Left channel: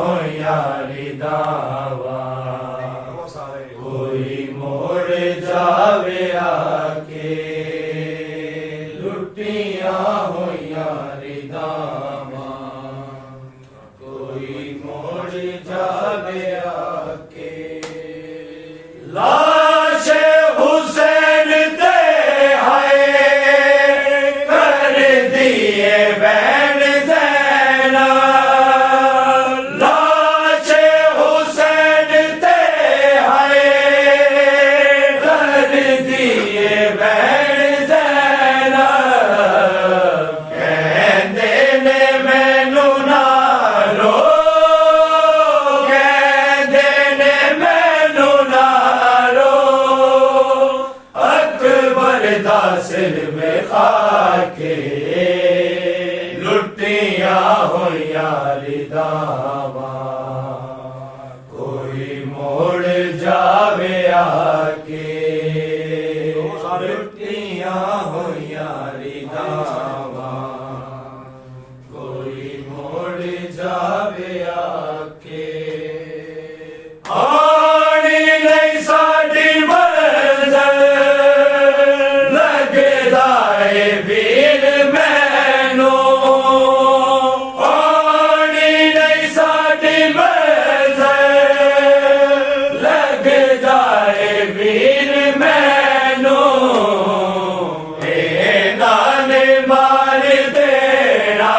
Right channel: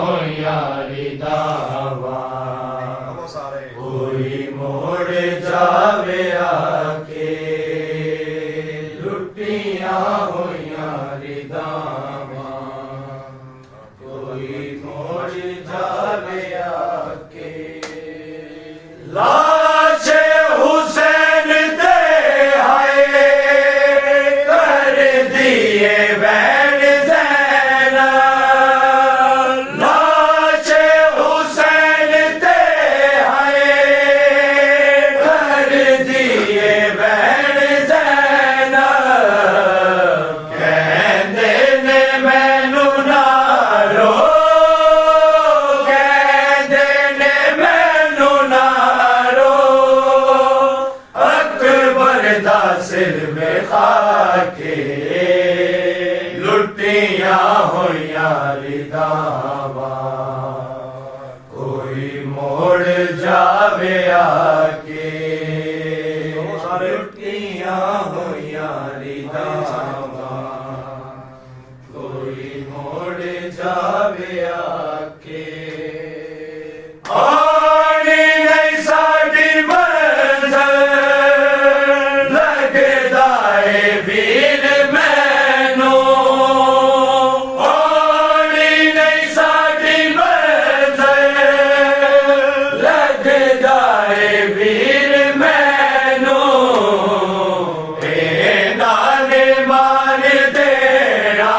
हो यारी दावा कोई मोड़ जावे आके लुटिया हो यारी दावा कोई मोड़ जावे आके लाशे हुसैन दे हाय कर दिए बैन ज़ैना लाशे हुसैन दे हाय कर दिए बैन ज़ैना कहंदे ने मैनू ना रो कहंदे ने मैनू ना रो अकबर दा सिर में खाके लुटिया हो यारी दावा कोई मोड़ जावे आके लुटिया हो यारी दावा कोई मोड़ जावे आके आनी नहीं साडी मंज़िल लगदा है वीर मैनू आनी नहीं साडी मंज़िल लगदा है वीर मैनू नाने मार देना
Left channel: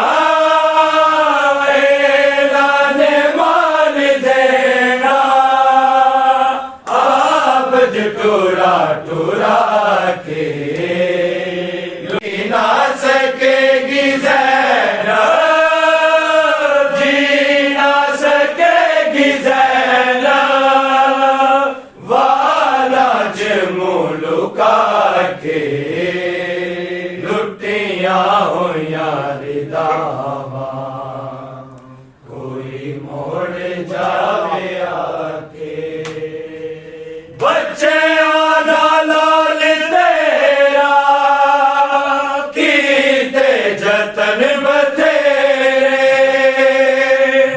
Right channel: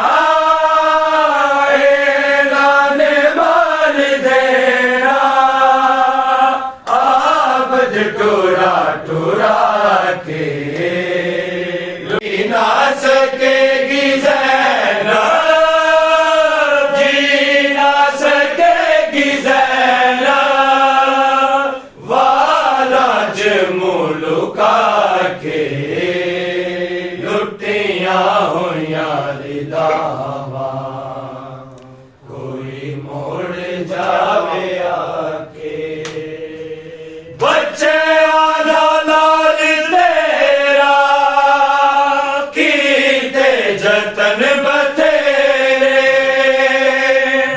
नाने मार देना आबद टुरा टुरा के जी ना सकेगी ज़ैनब जी ना सकेगी ज़ैनब वाला मुल्का के लुटिया हो यारी दावा कोई मोड़ जावे आके बच्चे आला लाल तेरा कीते जतन बथेरे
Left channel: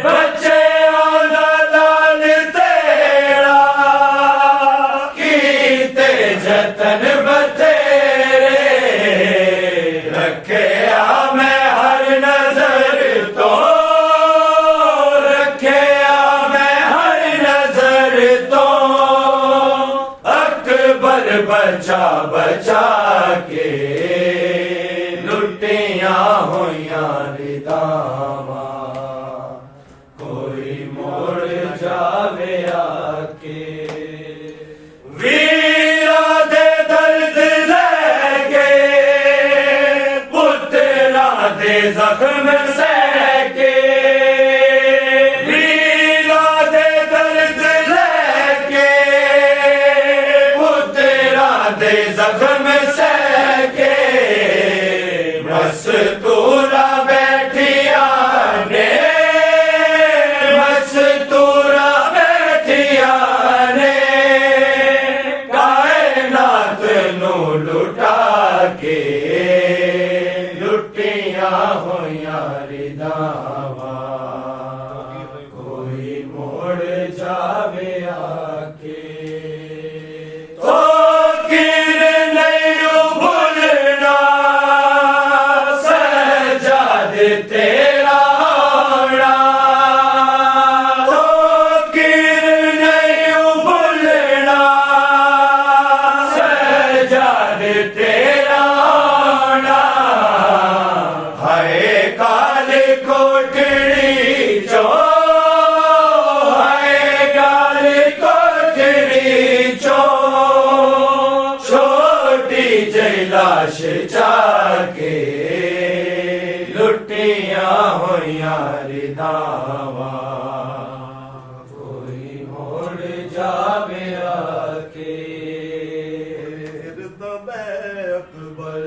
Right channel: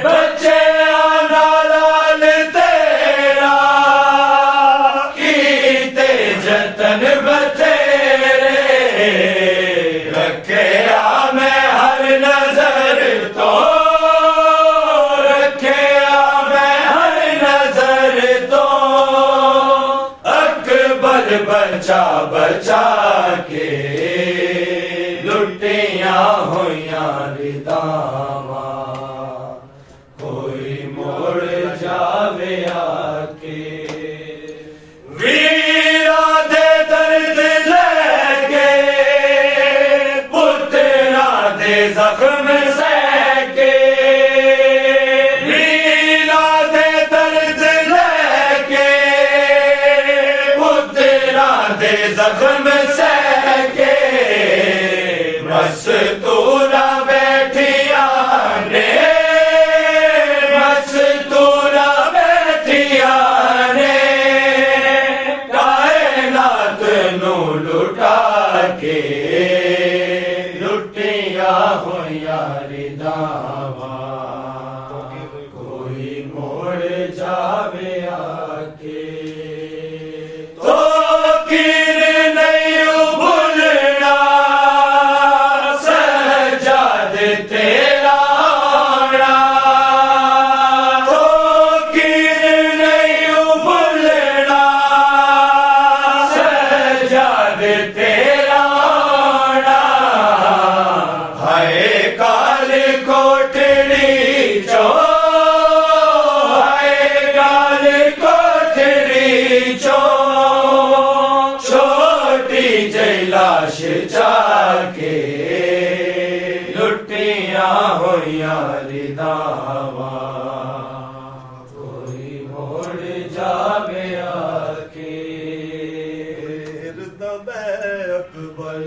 बच्चे आला लाल तेरा कीते जतन बथेरे रखे मैं हर नजर तो रखे मैं हर नजर तो अकबर बचा बचा के लुटिया हो यारी दावा कोई मोड़ जावे आके वीरा दे दर्द लेके पुत्रा दे जख्म सहके वीरा दे दर्द लेके पुत्रा दे जख्म सहके मस्तूरा बैठिया ने मस्तूरा बैठिया ने कायनात नू लुटा के लुटिया हो यारी दावा कोई मोड़ जावे आके तो कीर नहीं भूलना सजाद तेरा आना तो कीर नहीं भूलना सजाद तेरा आना हाय काल कोठड़ी चो हाय काल कोठड़ी चो छोटी जई लाश जाके लुटिया हो यारी दावा कोई मोड़ जावे आके अकबर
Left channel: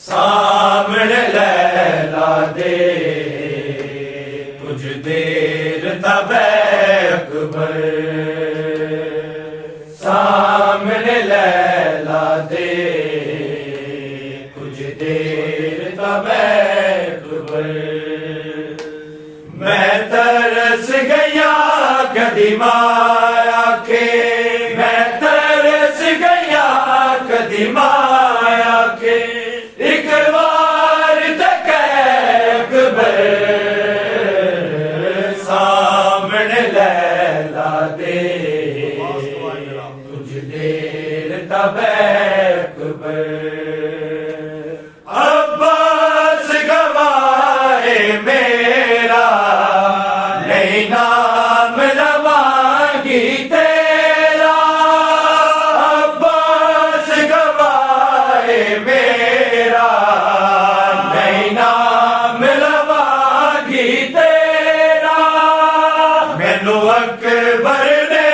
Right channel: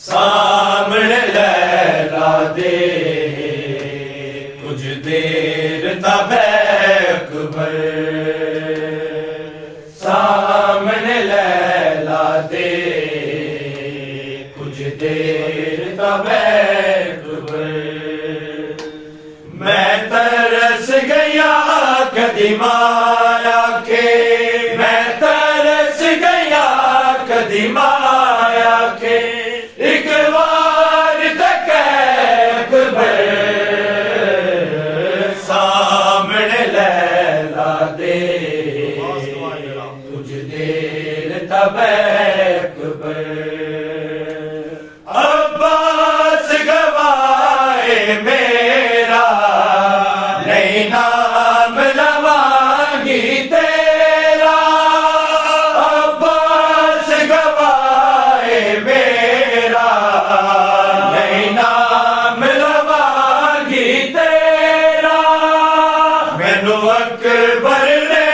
सामने लैला दे कुछ देर तब अकबर सामने लैला दे कुछ देर तब अकबर मैं तरस गया कदी माया के, मैं तरस गया कदी माया के, एक बार तक अकबर सामने लैला दे, कुछ देर तब अकबर अब्बास गवाए मेरा, नहीं नाम लवांगी तेरा, अब्बास गवाए मेरा, नहीं नाम लवांगी तेरा, मैनू अकबर ने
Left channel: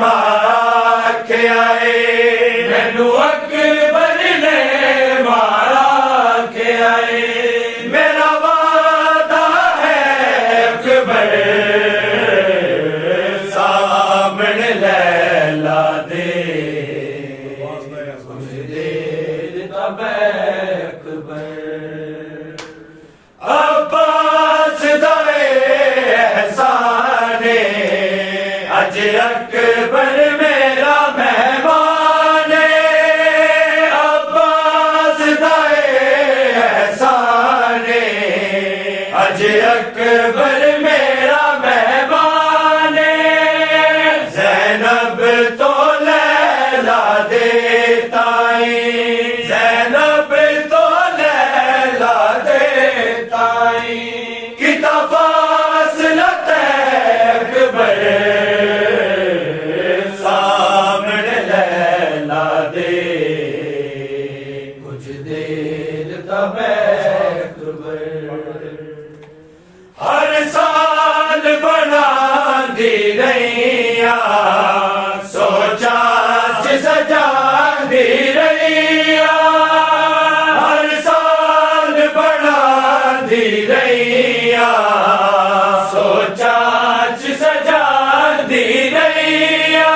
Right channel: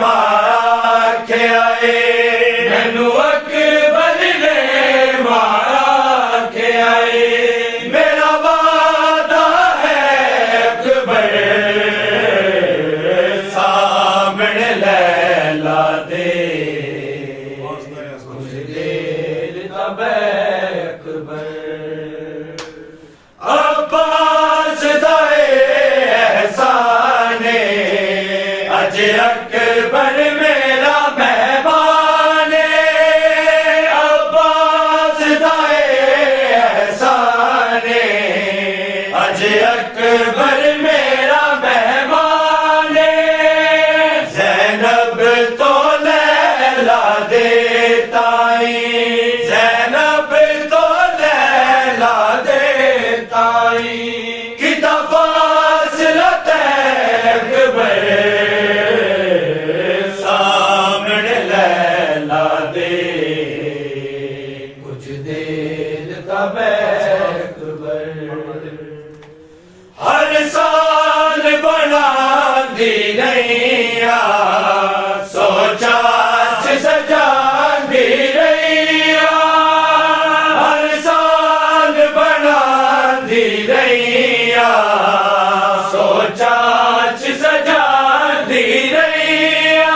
मारा के आए, मैनू अकबर ने मारा के आए, मेरा वादा है अकबर सामने लैला दे, कुछ देर तब अकबर अब्बास दाए एहसाने, अज अकबर मेरा मेहमान, अब्बास दाए एहसाने, अज अकबर मेरा मेहमान, ज़ैनब तो लैला देताई, ज़ैनब तो लैला देताई, किता फासला अकबर सामने लैला दे, कुछ देर तब अकबर हर साल बनांदी रहिया, सोचा च सजांदी रहिया, हर साल बनांदी रहिया, सोचा च सजांदी रहिया,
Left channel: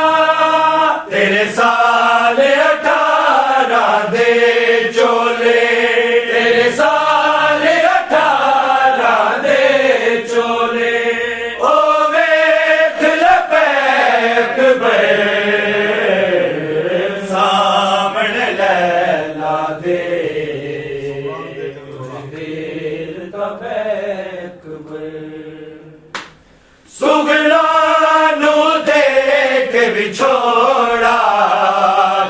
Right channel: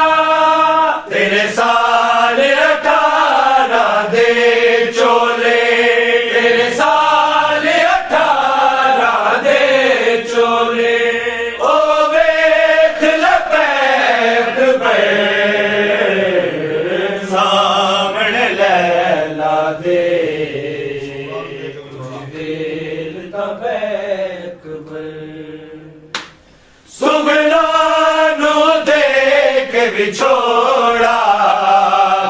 तेरे साल 18 दे चोले, तेरे साल 18 दे चोले, ओ वेख अकबर सामने लैला दे, देर तब अकबर सुगना नू देख विछोड़ा,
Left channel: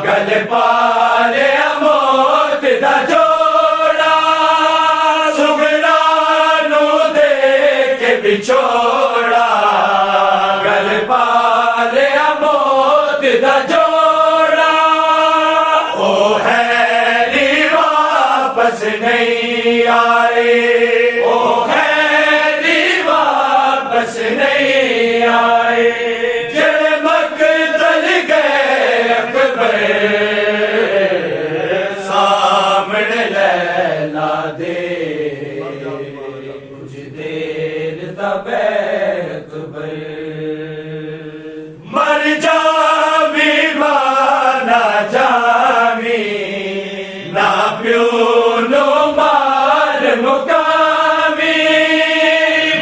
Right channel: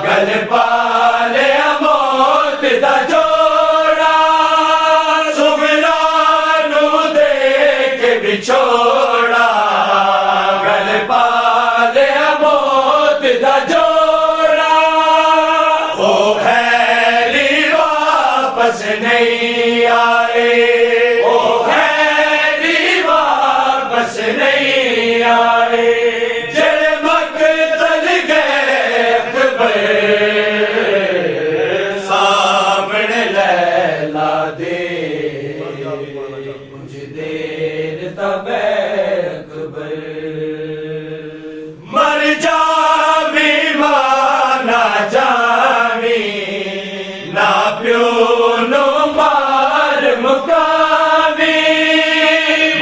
गल पाले मौत दा जोड़ा, सुगना नू देख विछोड़ा, गल पाले मौत दा जोड़ा, ओ हैरी वापस नहीं आए, ओ हैरी वापस नहीं आए, जड़ मकतल गए अकबर सामने लैला दे, कुछ देर तब अकबर मर जावी माना जावी, ना प्यो नो मार मुकामी,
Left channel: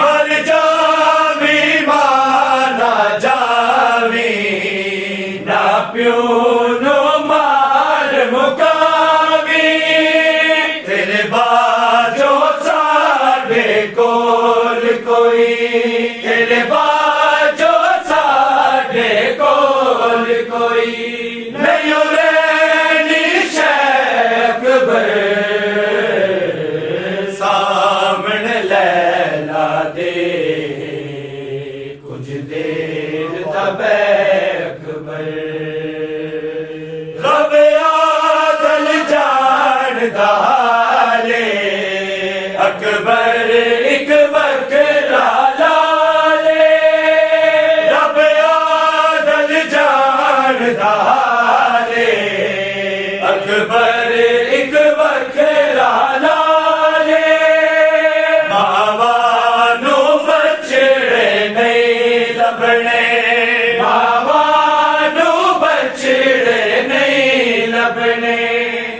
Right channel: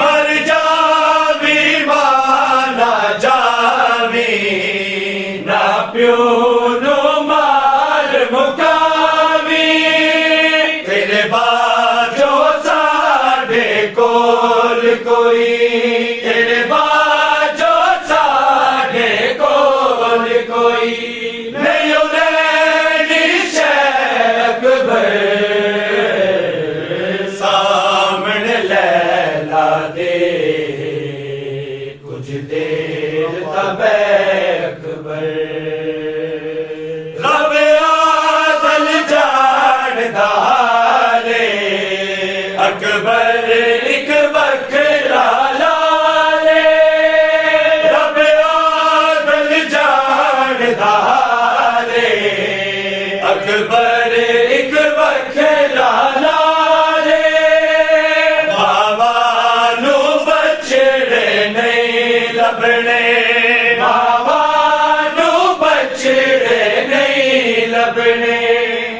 मर जावी माना जावी, ना प्यो नो मार मुकामी, तेरे बाजो साडे कोल कोई, तेरे बाजो साडे कोल कोई, नहीं उरेनी अकबर सामने लैला दे, कुछ देर तब अकबर रब आदल जान दाले, अकबर एक बकरा लाले, रब आदल जान दाले, अकबर एक बकरा लाले, मावा नू बछड़े नहीं लभने, मावा नू बछड़े नहीं लभने,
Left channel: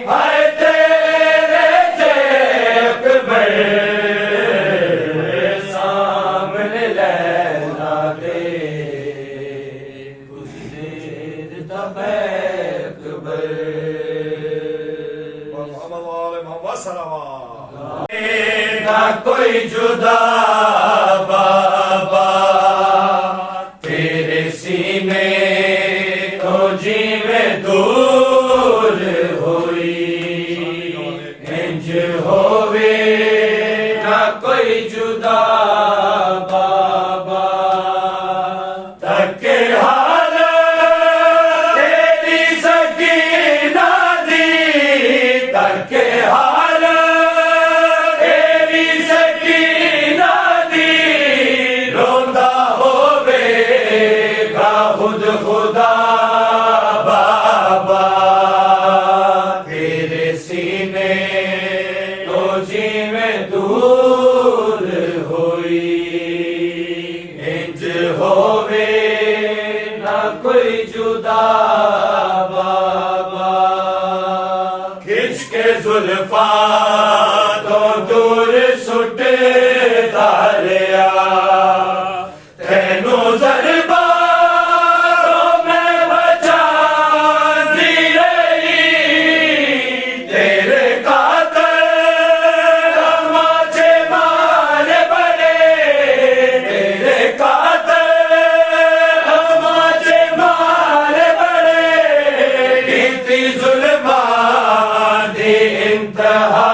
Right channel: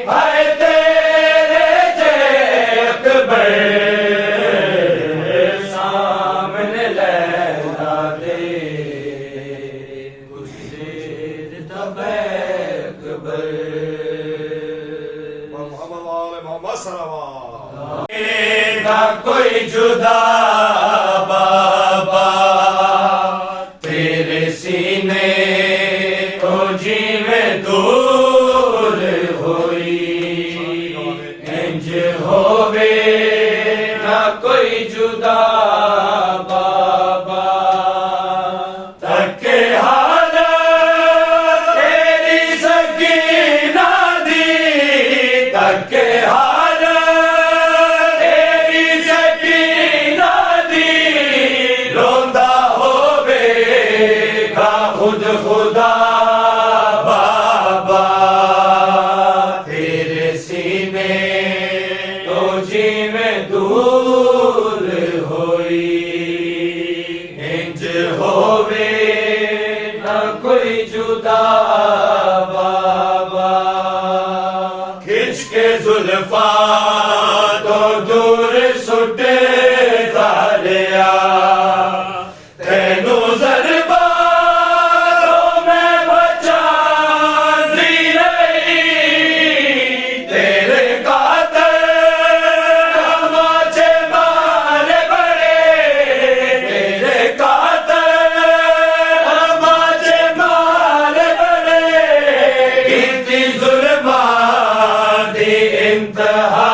हाय तेरे जय अकबर सामने लैला होवे न कोई जुदा बाबा। खिंच के जुल्फा तो दूर सुट धारिया तेनू जरबा तो मैं बचा दी रही तेरे कातर तमाचे मारे बड़े तेरे कातर तमाचे मारे बड़े कीती जुल्मा दी इंतहा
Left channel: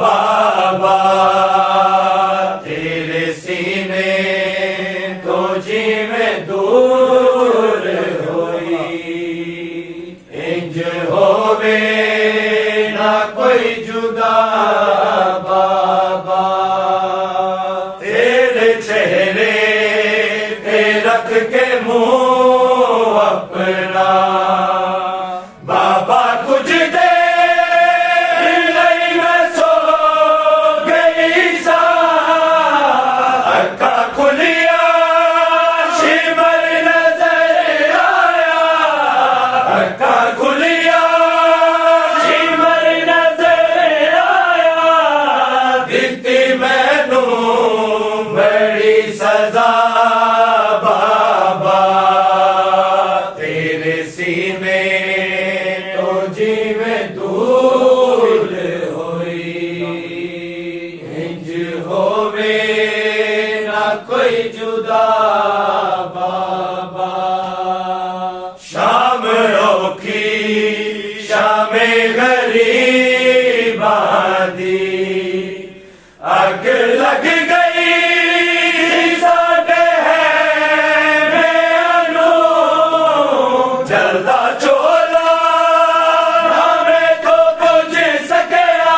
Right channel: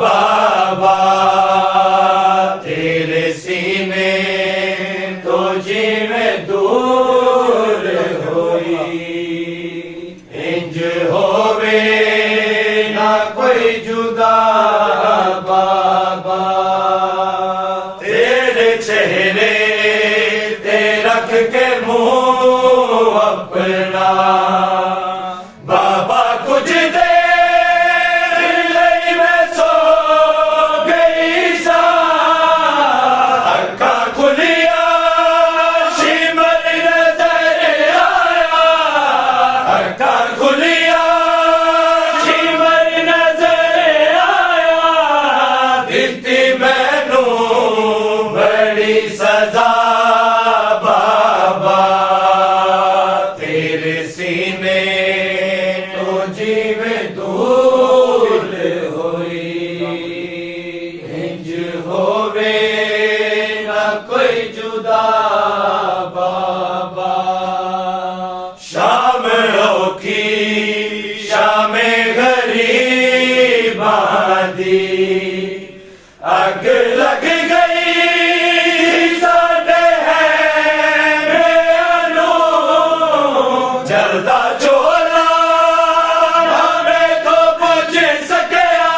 बाबा। तेरे सीने तो जीवे दूर होई इंज होवे ना कोई जुदा बाबा। तेरे चेहरे ते रख के मुंह अपना बाबा कुछ दे मैं सो गई सा अक्का खुलिया शिमर नजर आया अक्का खुलिया शिमर नजर आया दिखती मैनू बड़ी सजा बाबा। तेरे सीने तो जीवे दूर होई इंज होवे ना कोई जुदा बाबा। शाम औखी शामे गरीबा दी अग लग गई साडे है मैनू जलदा चोला हमें को पुछ सकिया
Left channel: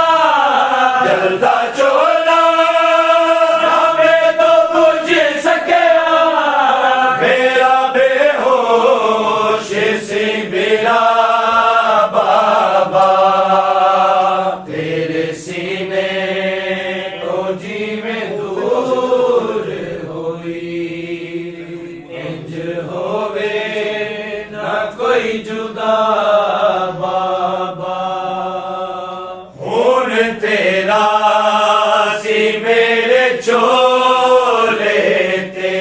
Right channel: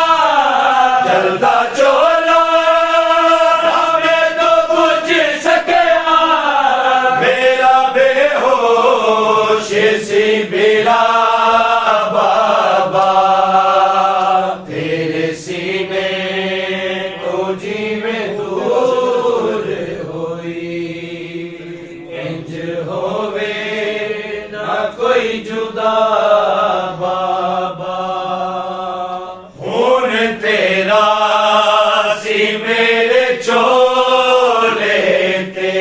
जलदा चोला हमें तो पुछ सकिया मेरा बेहोश सी मेरा बाबा। तेरे सीने तो जीवे दूर होई इंज होवे ना कोई जुदा बाबा। हुन तेरा सी मेरे चोले ते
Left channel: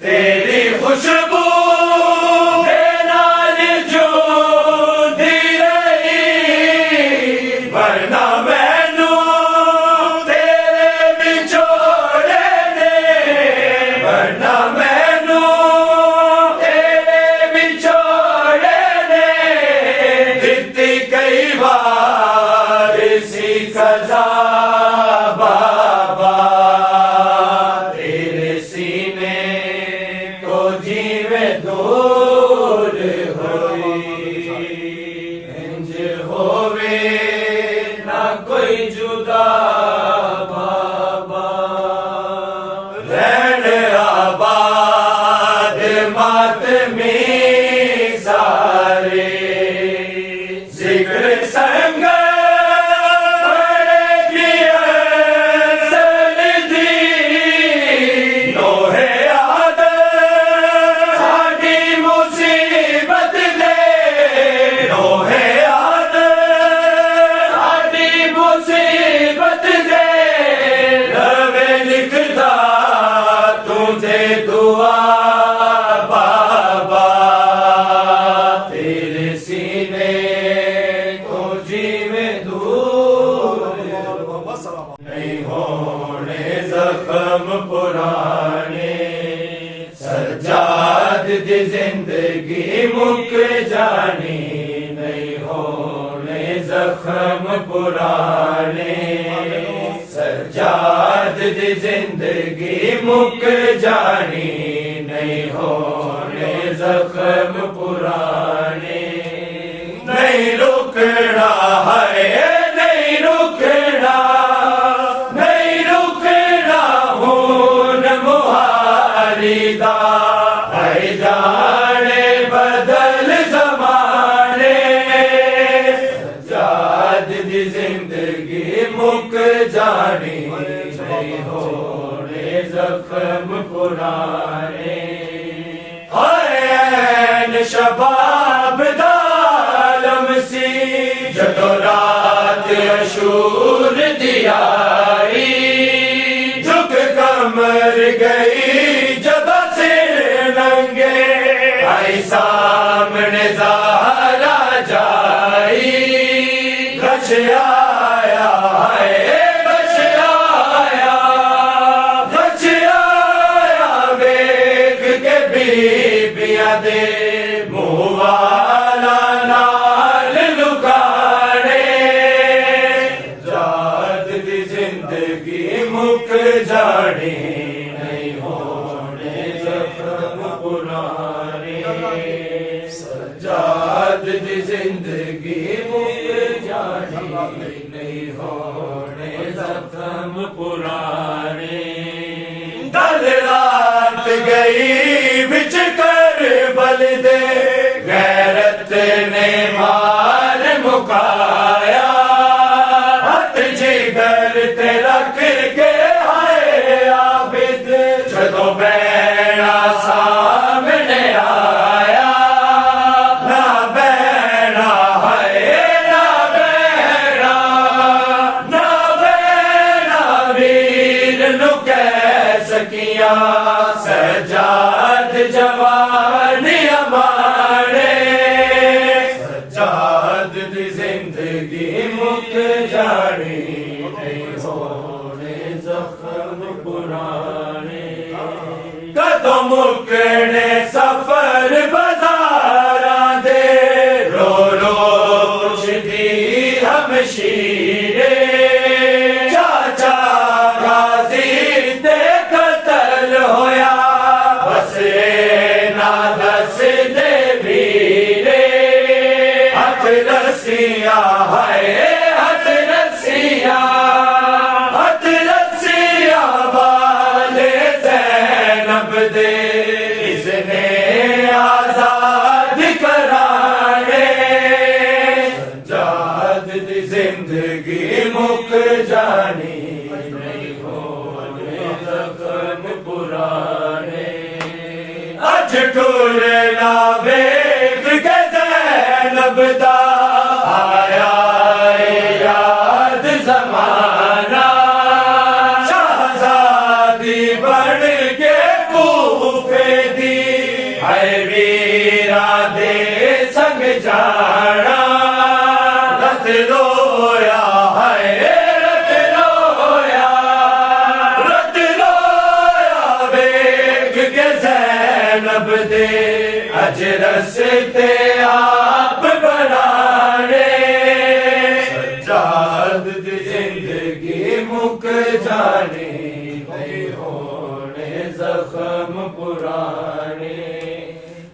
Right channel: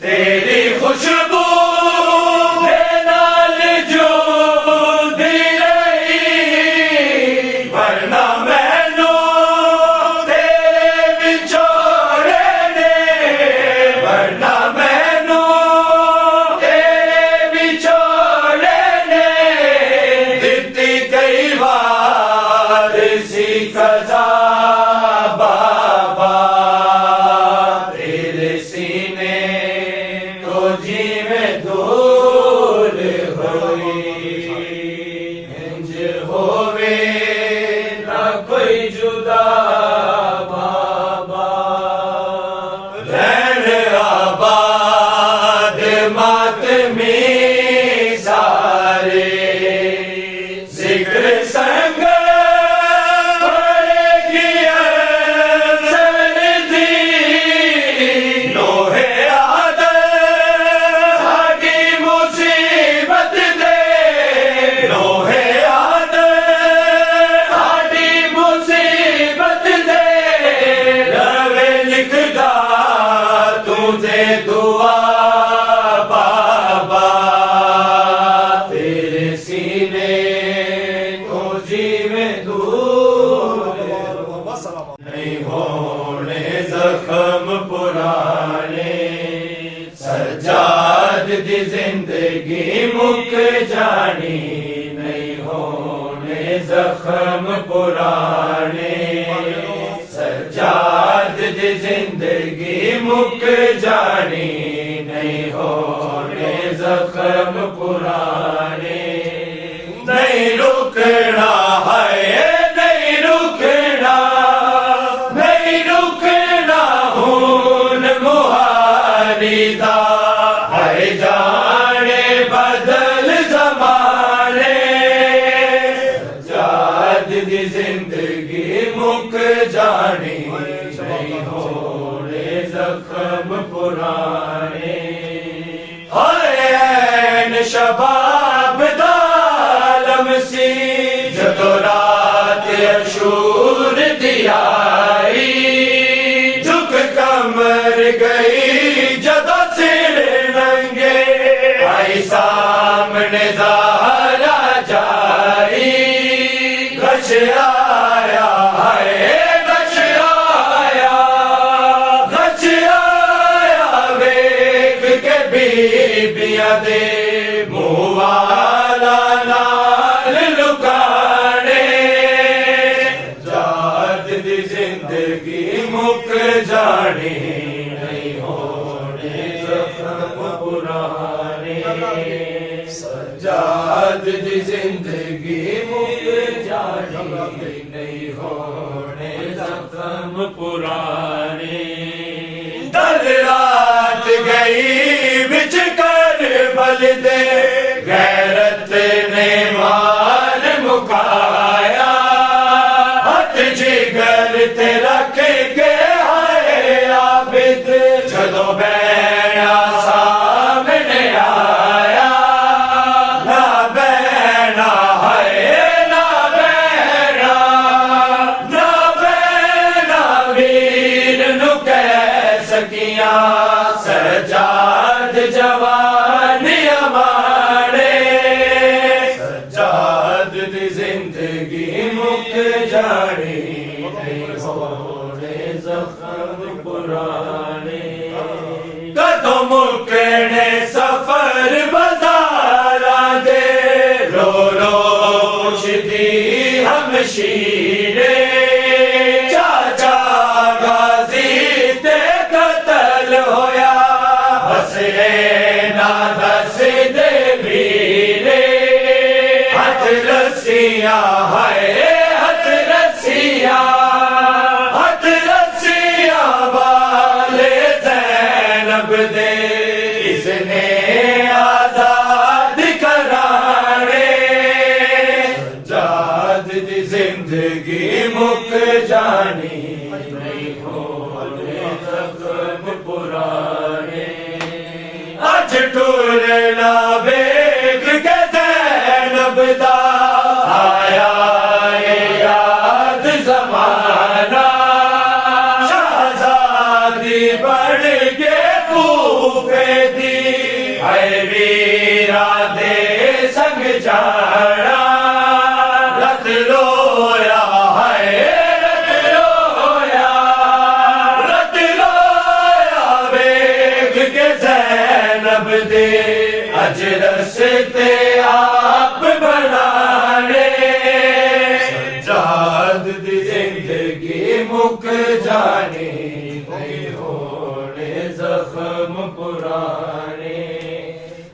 तेरी खुशबू दे नाल जुदी रही वरना मैनू तेरे बिछोड़े ने वरना मैनू तेरे बिछोड़े ने दित्ती कई बार सी सजा बाबा। तेरे सीने तो जीवे दूर होई इंज होवे ना कोई जुदा बाबा। रहन आबाद मातमी सारे जिक्र संग पड़ेगी सनदी लोहे आदर साडी मुसीबत दे लोहे आदर साडी मुसीबत दे रवे लिखदा तुझे दुआ बाबा। तेरे सीने को जीवे दूर नहीं होने जख्म पुराने सज्जाद दी जिंदगी मुक जानी नहीं होने जख्म पुराने सज्जाद दी जिंदगी मुक जानी नहीं होने जख्म पुराने। नहीं रुकना है नहीं रुकना नहीं रुकना हून मुहारिदा है जाने बदल जमाने जाद दी जिंदगी मुक जानी नहीं होने जख्म पुराने हाय शबाब दालम सी जदों रात अशूर दियाई झुक कमर गई जदों सिर नंगे आई सामने ज़हरा जाई गश आया है गश आया वेख के बीबियां दे मुँह वाला नाल लुकाने जात दी जिंदगी मुक जाने नहीं होने जख्म पुराने सजाद दी जिंदगी मुक जाने नहीं होने जख्म पुराने दल रात गई बिच कर बल दे गैरत ने मान मुकाया हथ जिगर ते रख के हाय आबिद जदों बैना सामने आया ना बैना है ना बैना वीर नु कह सकिया सजाद जवानियां माणे सजाद दी जिंदगी मुक जानी नहीं होने जख्म पुराने कदों मुकने सफर बाज़ारां दे रो रो पुछदी हमशीरे चाचा गाजी ते कतल होया बस ना दस दे वीरे हथ रस्सियां है हथ रस्सियां वाले ज़ैनब दे इसने आजाद कराने सजाद दी जिंदगी मुक जानी नहीं होने जख्म पुराने अज टुरना वेख के ज़ैनब दा आया याद ज़माना शहज़ादी बन के कूफे दी है वीरा दे संग जाना रत रोया है रत रोया वेख के ज़ैनब दे अज रस्ते आप बनाने सजाद दी जिंदगी मुक जाने नहीं होने जख्म पुराने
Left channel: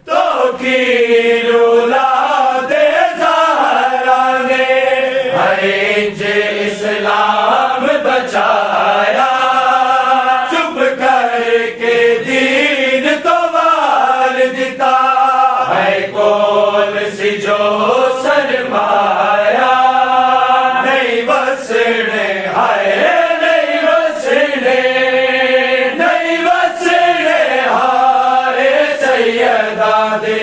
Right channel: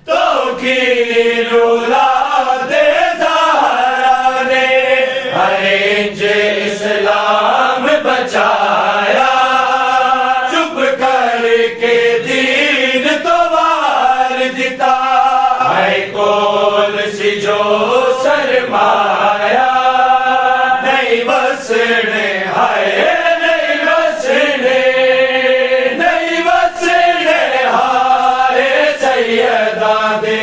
तो की रोला दे ज़हरा ने हरेंज इस्लाम बचाया चुप करके दीन तो वार दिता है कोल सी जो शर्माया नहीं बसने हाय नहीं बसने हाय सैयदा दे